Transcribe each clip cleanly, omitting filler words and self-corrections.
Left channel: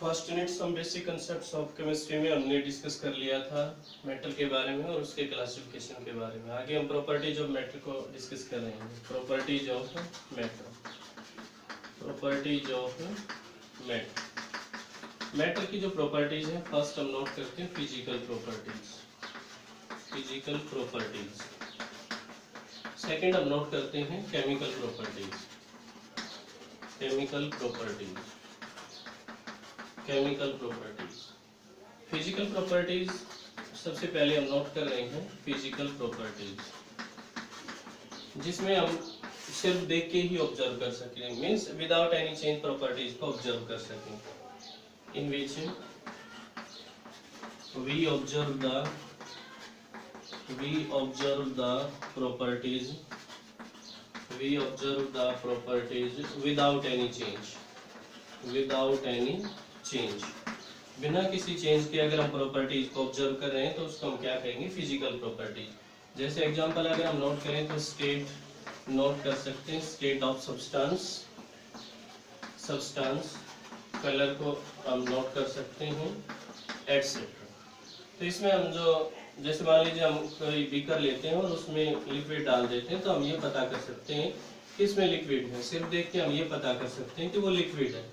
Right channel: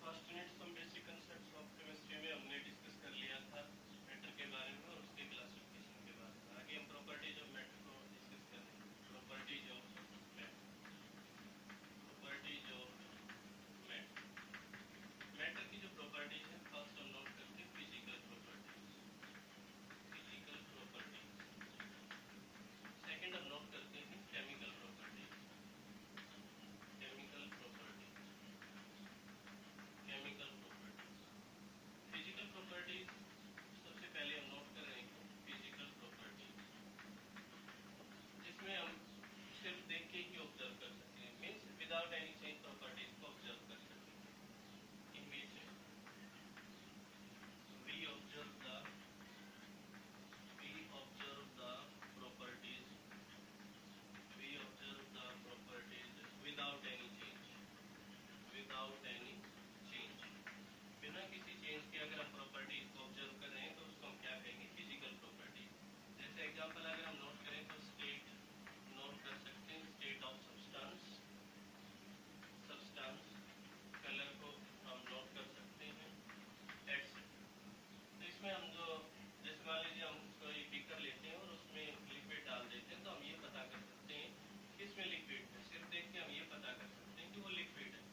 First unit some basic concepts of chemistry में हमने discuss कर लिया था मेटल के बारे में और उसके क्लासिफिकेशन के बारे में। आगे हम प्रॉपर्टीज ऑफ मेटल को डिस्कस कर रहे हैं। Properties of metal, properties of metal. Metal की जो प्रॉपर्टीज है, फर्स्ट हम नोट करते हैं physical properties, physical properties. Second हम नोट करते हैं chemical properties, chemical properties, chemical properties. Physical properties सबसे पहले हम नोट कर रहे हैं फिजिकल प्रॉपर्टीज, जिसमें हम सिर्फ देख के ही ऑब्जर्व कर सकें, means without any change properties को ऑब्जर्व कर सकें। In which we observe the properties, we observe the properties without any change, without any change, बिना किसी चेंज के अगर हम प्रॉपर्टीज को ऑब्जर्व कर रहे हैं तो उसको हम क्या कहेंगे, फिजिकल प्रॉपर्टीज। जैसे एग्जांपल अगर हम नोट करें तो स्टेट नोट कर सकते हैं, state of substance, substance, colour को हम नोट कर सकते हैं, एटसेट्रा। तो इसमें हम जो, जैसे मान लीजिए हम कोई बीकर लेते हैं और उसमें लिक्विड डाल देते हैं, तो हम ये पता कर सकते हैं कि इसमें लिक्विड है। सिर्फ देख के हम ये पता कर सकते हैं कि वो लिक्विड है,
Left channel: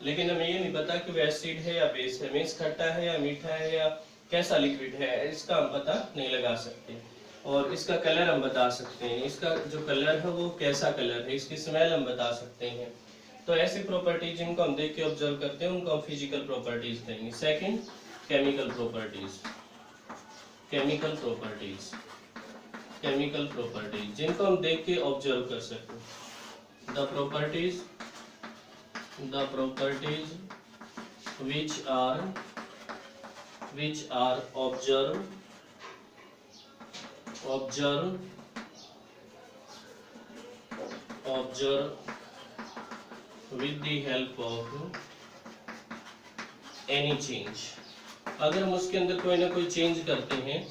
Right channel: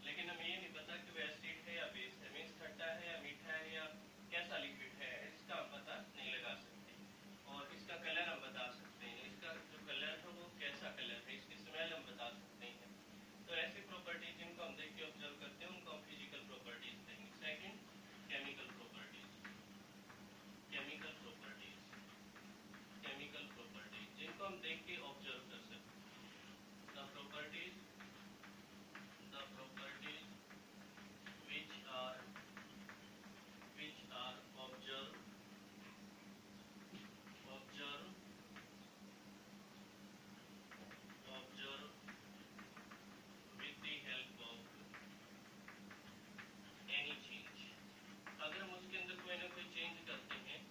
लेकिन हमें ये नहीं पता कि वो एसिड है या बेस है, मीन्स खट्टा है या मीठा है या कैसा लिक्विड है, इसका हम पता नहीं लगा सकते। और इसका कलर हम बता सकते हैं, इसका जो कलर है वो कैसा कलर है, इसकी स्मेल हम बता सकते हैं। तो ऐसी प्रॉपर्टीज जिनको हम देख के ऑब्जर्व करते हैं उनको हम फिजिकल प्रॉपर्टीज कहेंगे। Second, chemical properties, chemical properties, chemical properties जिनको हम देख के ऑब्जर्व कर सकते। The properties which are observed with the help of any change। अगर हम उसके अंदर कोई ना कोई चेंज करते हैं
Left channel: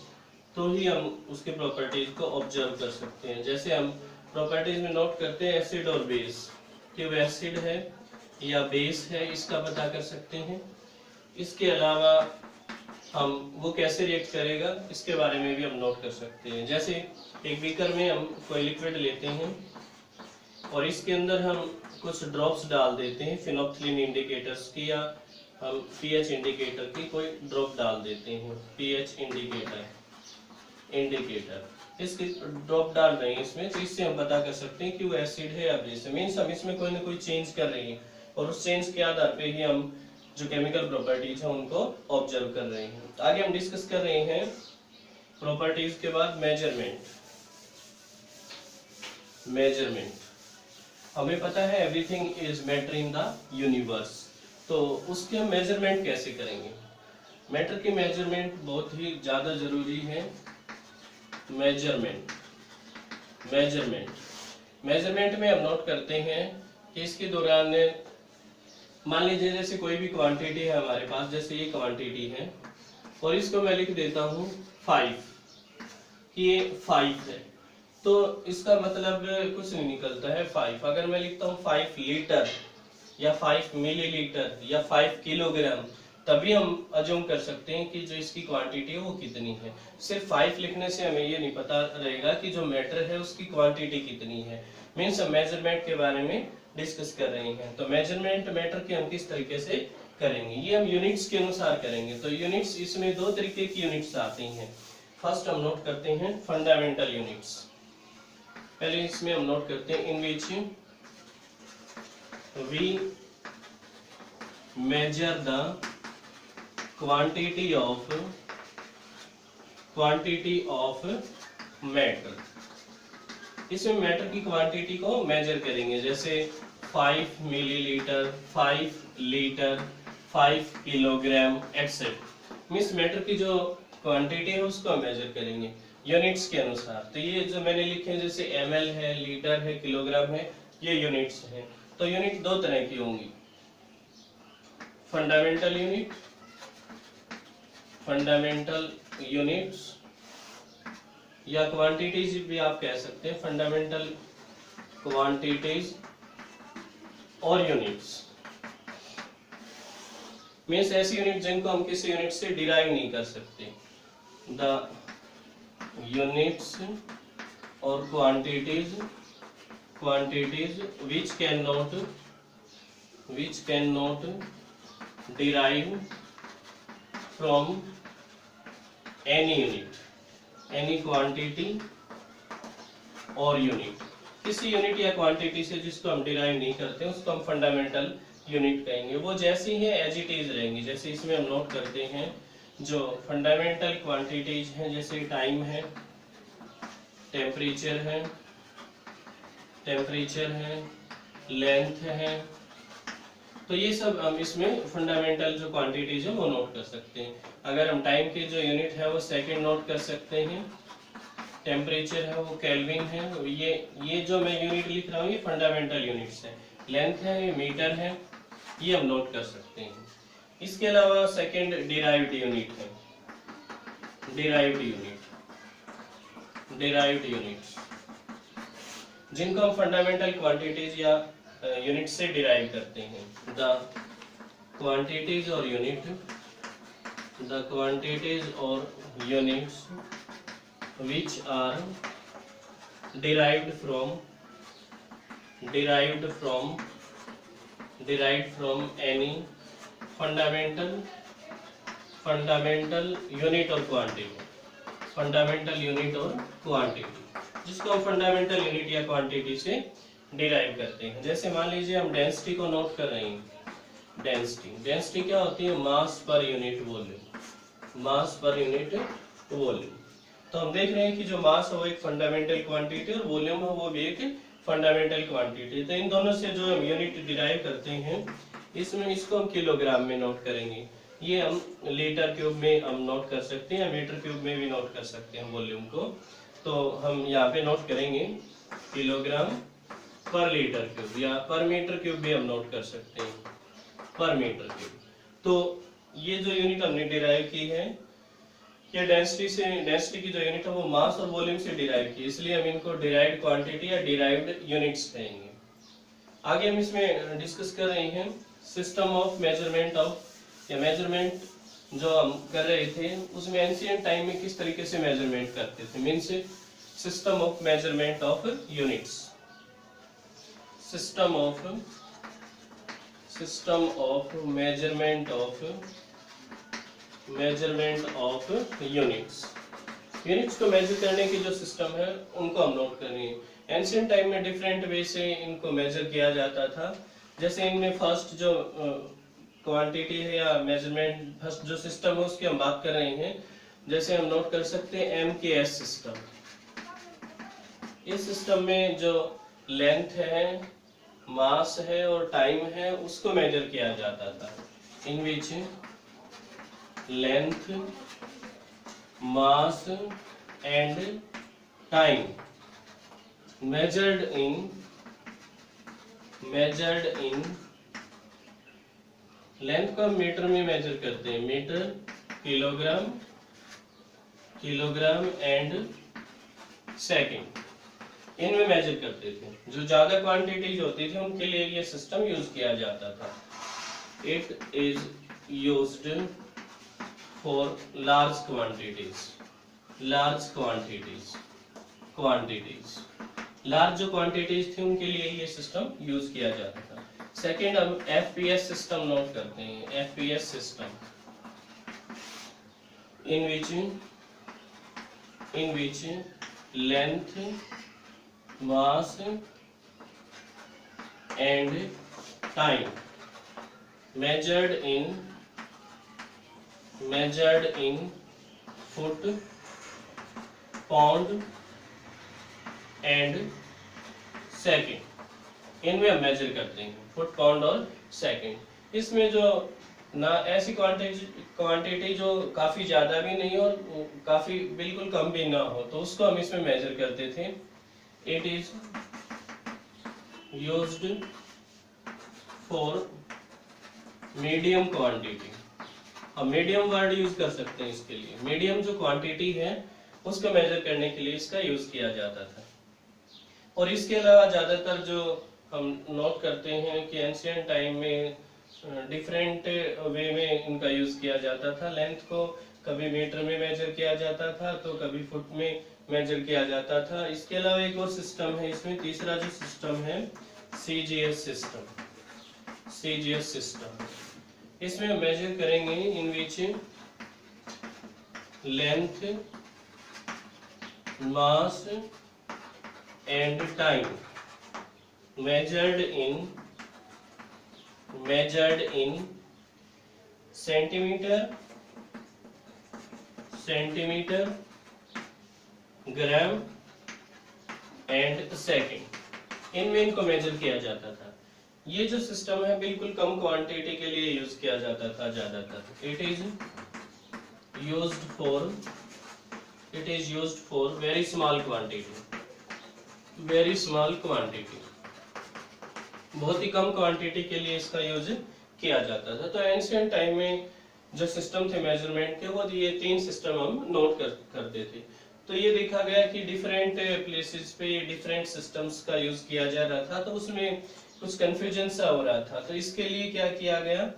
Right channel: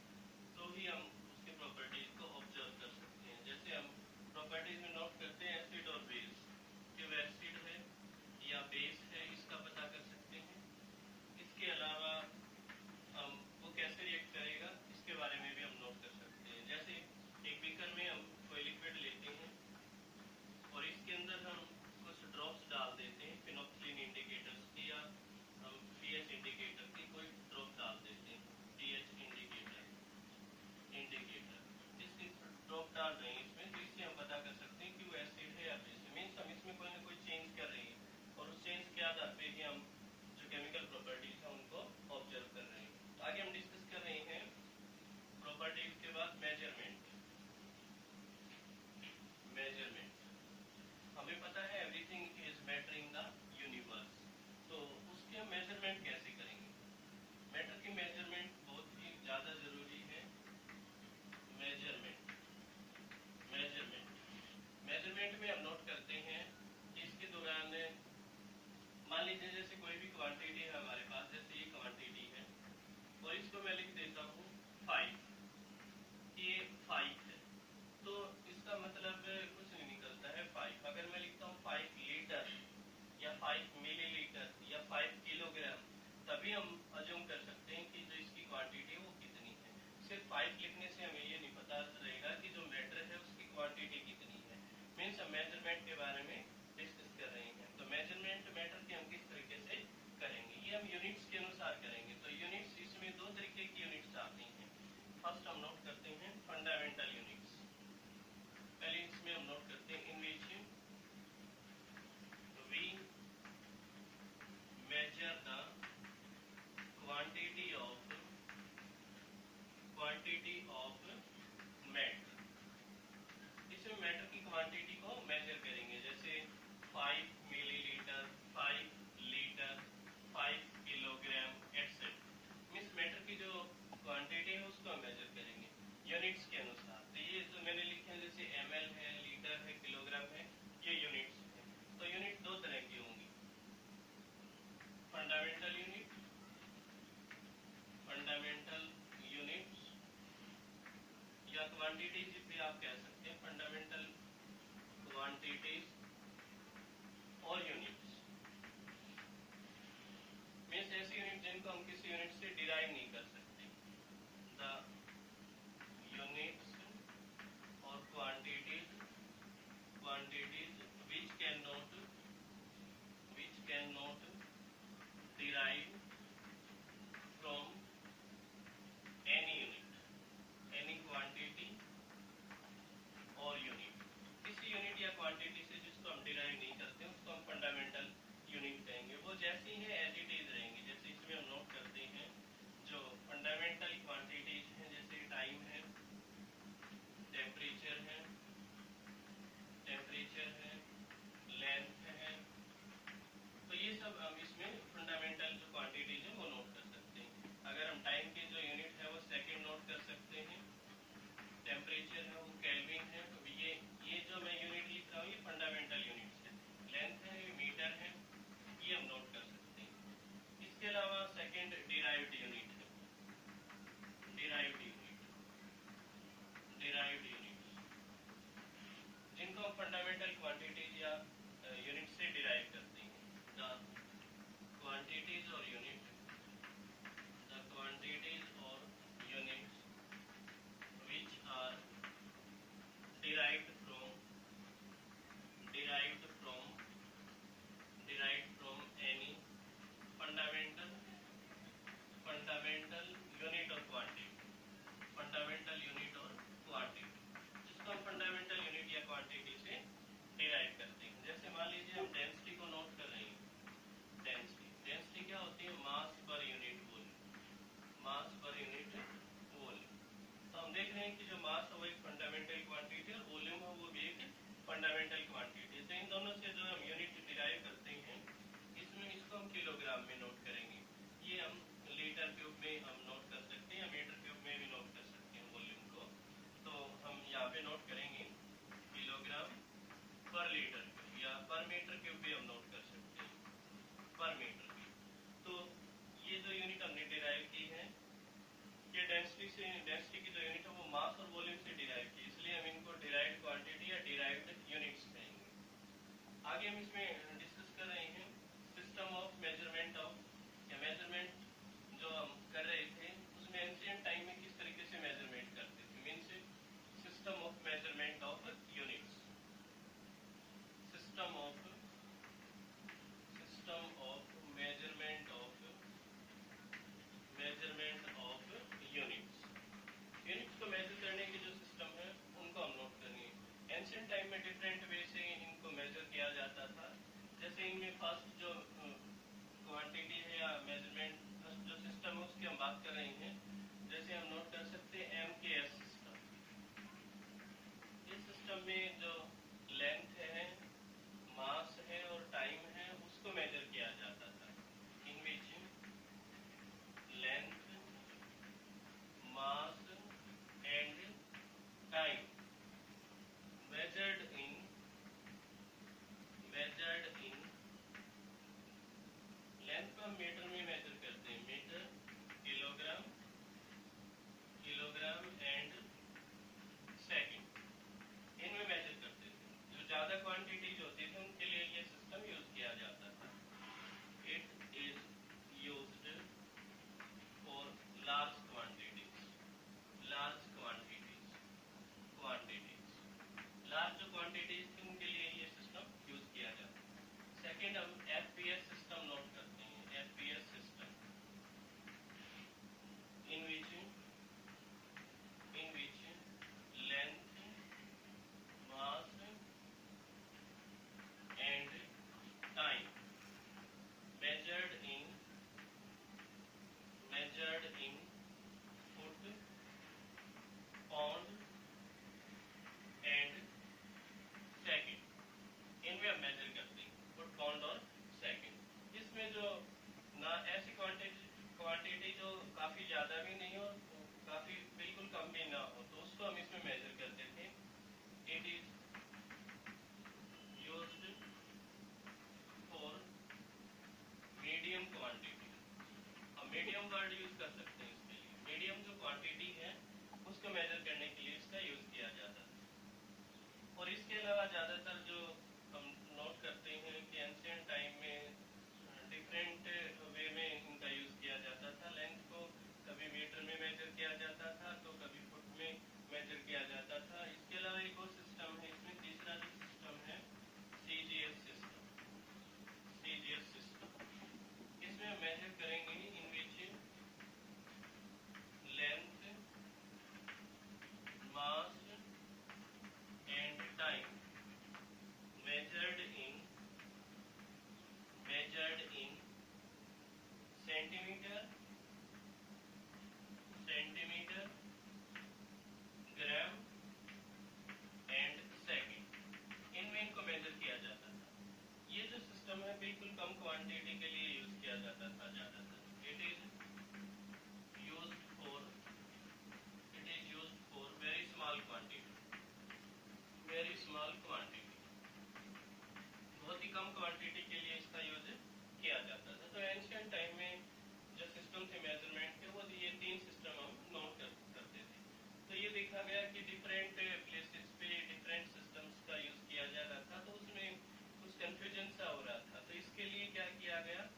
तो ही हम उसके प्रॉपर्टीज को ऑब्जर्व कर सकते हैं। जैसे हम प्रॉपर्टीज में नोट करते हैं एसिड और बेस, कि वो एसिड है या बेस है, इसका पता कर सकते हैं। इसके अलावा हम वो कैसे रिएक्ट करेगा इसके बारे में भी हम नोट कर सकते हैं। जैसे एक बीकर में हम कोई लिक्विड लेते हैं और इसके अंदर हम कुछ ड्रॉप्स डाल देते हैं फिनोल्फ्थालीन इंडिकेटर्स की, या हम पीएच इंडिकेटर की कोई ड्रॉप डाल देते हैं, पीएच इंडिकेटर इसकी ड्रॉप डाल रहे हैं इसमें, तो इससे हम पता कर सकते हैं कि वो एसिड है या बेस है। मीन्स हम इसमें कोई ना कोई चेंज कर रहे हैं और उस चेंज के आधार पे ही हम जो केमिकल प्रॉपर्टीज है उनको ऑब्जर्व कर रहे हैं। आगे हम डिस्कस कर रहे हैं प्रॉपर्टीज के बाद मेजरमेंट। मेजरमेंट, हमें पता है everything is matter in the universe, तो उसके हम मेजरमेंट कैसे करेंगे। मैटर की मेजरमेंट बहुत ही ज्यादा जरूरी है। मेजरमेंट, मेजरमेंट में हम नोट करते हैं कि इसके दौरान मान लीजिए जैसे कोई भी क्वांटिटी है हमारे पास, जैसे ये क्वांटिटी है और इसको मैं लिख देता हूँ 5, कि ये 5 है, तो इसका मतलब कुछ नहीं निकलता है 5। अगर मैं लिखता हूँ 5 लीटर या 5 मिलीलीटर या 5 किलोग्राम, तभी हम अज्यूम कर सकते हैं कि जो इसकी क्वांटिटी है वो कितनी है। सिर्फ 5 लिखने से हमें ये नहीं पता रहेगा कि जो मैटर है उसकी क्वांटिटी कितनी है। मीन्स हम मेजरमेंट के बारे में डिस्कस कर रहे हैं। तो मेजरमेंट मैटर के हम किस तरीके से करेंगे, ये हम यूनिट्स के अनुसार करेंगे। तो यूनिट्स, इसमें 2 तरीके की यूनिट्स आती हैं। फर्स्ट हम नोट करते हैं फंडामेंटल यूनिट्स। पहले इसमें हम नोट करते हैं in which we measure the quantity of matter. इसमें मैटर की क्वांटिटी को मेजर करेंगे, जैसे 5 millilitre, 5 litre, 5 kilogram etcetera. Means matter की जो क्वांटिटी है उसको हम मेजर करेंगे यूनिट्स के अनुसार। तो ये जो मैंने लिखे हैं जैसे ml है, लीटर है, किलोग्राम है, ये यूनिट्स हैं। तो यूनिट 2 तरह की होंगी, फंडामेंटल यूनिट, फंडामेंटल यूनिट्स, या क्वांटिटीज भी आप कह सकते हैं, फंडामेंटल क्वांटिटीज और यूनिट्स। मीन्स ऐसी यूनिट जिनको हम किसी यूनिट से डिराइव नहीं कर सकते। द यूनिट्स और quantities which cannot derive from any unit, any quantity और यूनिट। किसी यूनिट या क्वांटिटी से जिसको हम डिराइव नहीं करते उसको हम फंडामेंटल यूनिट कहेंगे। वो जैसी है एज इट इज रहेंगी। जैसे इसमें हम नोट करते हैं जो फंडामेंटल क्वांटिटीज हैं, जैसे टाइम है, टेम्परेचर है, लेंथ है, तो ये सब हम इसमें फंडामेंटल जो क्वांटिटीज है वो नोट कर सकते हैं। अगर हम टाइम की जो यूनिट है वो सेकंड नोट कर सकते हैं, टेम्परेचर है वो केल्विन है, ये जो मैं यूनिट लिख रहा हूँ ये फंडामेंटल यूनिट्स है। लेंथ है ये मीटर है, ये हम नोट कर सकते हैं। इसके अलावा सेकंड डिराइव्ड यूनिट है, डिराइव्ड यूनिट्स जिनको हम फंडामेंटल क्वांटिटीज या यूनिट से डिराइव करते हैं। द क्वांटिटीज और units which are derived from any fundamental unit or quantity, जिसको हम फंडामेंटल यूनिट या क्वांटिटी से डिराइव करते हैं। जैसे मान लीजिए हम डेंसिटी को नोट कर रहे हैं। डेंसिटी क्या होती है? मास पर यूनिट वॉल्यूम। तो हम देख रहे हैं कि जो मास है वो एक फंडामेंटल क्वांटिटी और वॉल्यूम है वो भी एक फंडामेंटल क्वांटिटी। तो इन दोनों से जो हम यूनिट डिराइव करते हैं इसमें इसको हम किलोग्राम में नोट करेंगे। ये हम लीटर क्यूब में हम नोट कर सकते हैं या मीटर क्यूब में भी नोट कर सकते हैं वॉल्यूम को। तो हम यहाँ पे नोट करेंगे किलोग्राम पर लीटर क्यूब, या पर मीटर क्यूब भी हम नोट कर सकते हैं, पर मीटर क्यूब। तो ये जो यूनिट हमने डिराइव की है ये डेंसिटी की जो यूनिट है वो मास और वॉल्यूम से डिराइव की, इसलिए हम इनको डिराइव्ड क्वांटिटी या डिराइव्ड यूनिट्स कहेंगे। आगे हम इसमें डिस्कस कर रहे हैं सिस्टम ऑफ मेजरमेंट या मेजरमेंट जो हम कर रहे थे उसमें एंशिएंट टाइम में किस तरीके से मेजरमेंट करते थे। Means system of measurement of units, system of measurement of units को मेजर करने की जो सिस्टम है उनको हम नोट करेंगे। एंशिएंट टाइम में डिफरेंट वे से इनको मेजर किया जाता था। जैसे इनमें फर्स्ट जो क्वांटिटी है या मेजरमेंट फर्स्ट जो सिस्टम है उसकी हम बात कर रहे हैं। जैसे हम नोट कर सकते हैं MKS सिस्टम। इस सिस्टम में जो लेंथ है, मास है और टाइम है उसको मेजर किया जाता था। In which length, mass and time measured in length को हम मीटर में मेजर करते हैं, मीटर, किलोग्राम एंड सेकंड, इनमें मेजर करते थे। जो ज्यादा क्वांटिटीज होती थी उनके लिए ये सिस्टम यूज किया जाता था। It is used for large quantities, large जो quantities थी उनके लिए ये सिस्टम यूज किया जाता था। सेकेंड हम FPS सिस्टम नोट करते हैं। FPS system in which length, mass and time measured in foot, pound and second, इनमें हम मेजर करते हैं फुट, पाउंड और सेकंड। इसमें जो ना ऐसी क्वांटिटी जो काफी ज्यादा भी नहीं और काफी बिल्कुल कम भी ना हो तो उसको हम इसमें मेजर करते थे। It is used for medium quantity. हम मीडियम वर्ड यूज कर सकते हैं इसके लिए। मीडियम जो क्वांटिटी है उसको मेजर करने के लिए इसका यूज किया जाता था। और इसके अलावा ज्यादातर जो हम नोट करते हैं कि एंशिएंट टाइम में डिफरेंट वे में इनका यूज किया जाता था। लेंथ को कभी मीटर में मेजर किया जाता था तो कभी फुट में मेजर किया जाता था। इसके अलावा एक और सिस्टम है इसमें, तीसरा जो सिस्टम है सीजीएस सिस्टम। सीजीएस सिस्टम इसमें हम मेजर करेंगे in which length, mass and time measured in centimetre, gram and second, इनमें इनको मेजर किया जाता था। ये जो सिस्टम है बिल्कुल कम क्वांटिटी के लिए यूज किया जाता था ज्यादातर। It is used for very small quantity, बहुत ही कम क्वांटिटी के लिए इसका यूज किया जाता था। तो एंशिएंट टाइम में जो सिस्टम थे मेजरमेंट के, वो ये तीन सिस्टम हम नोट करते थे। तो ये देखा गया कि डिफरेंट प्लेसेस पे डिफरेंट सिस्टम्स का यूज किया जा रहा था, तो उसमें कुछ कंफ्यूजन सा हो रहा था। तो इसके लिए क्या किया गया,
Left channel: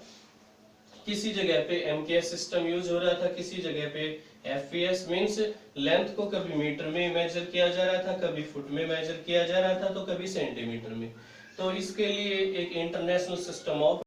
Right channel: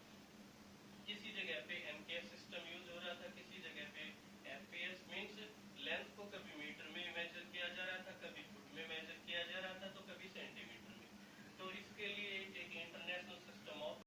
किसी जगह पे एमकेएस सिस्टम यूज हो रहा था, किसी जगह पे एफपीएस, मींस लेंथ को कभी मीटर में मेजर किया जा रहा था, कभी फुट में मेजर किया जा रहा था, तो कभी सेंटीमीटर में। तो इसके लिए एक इंटरनेशनल सिस्टम ऑफ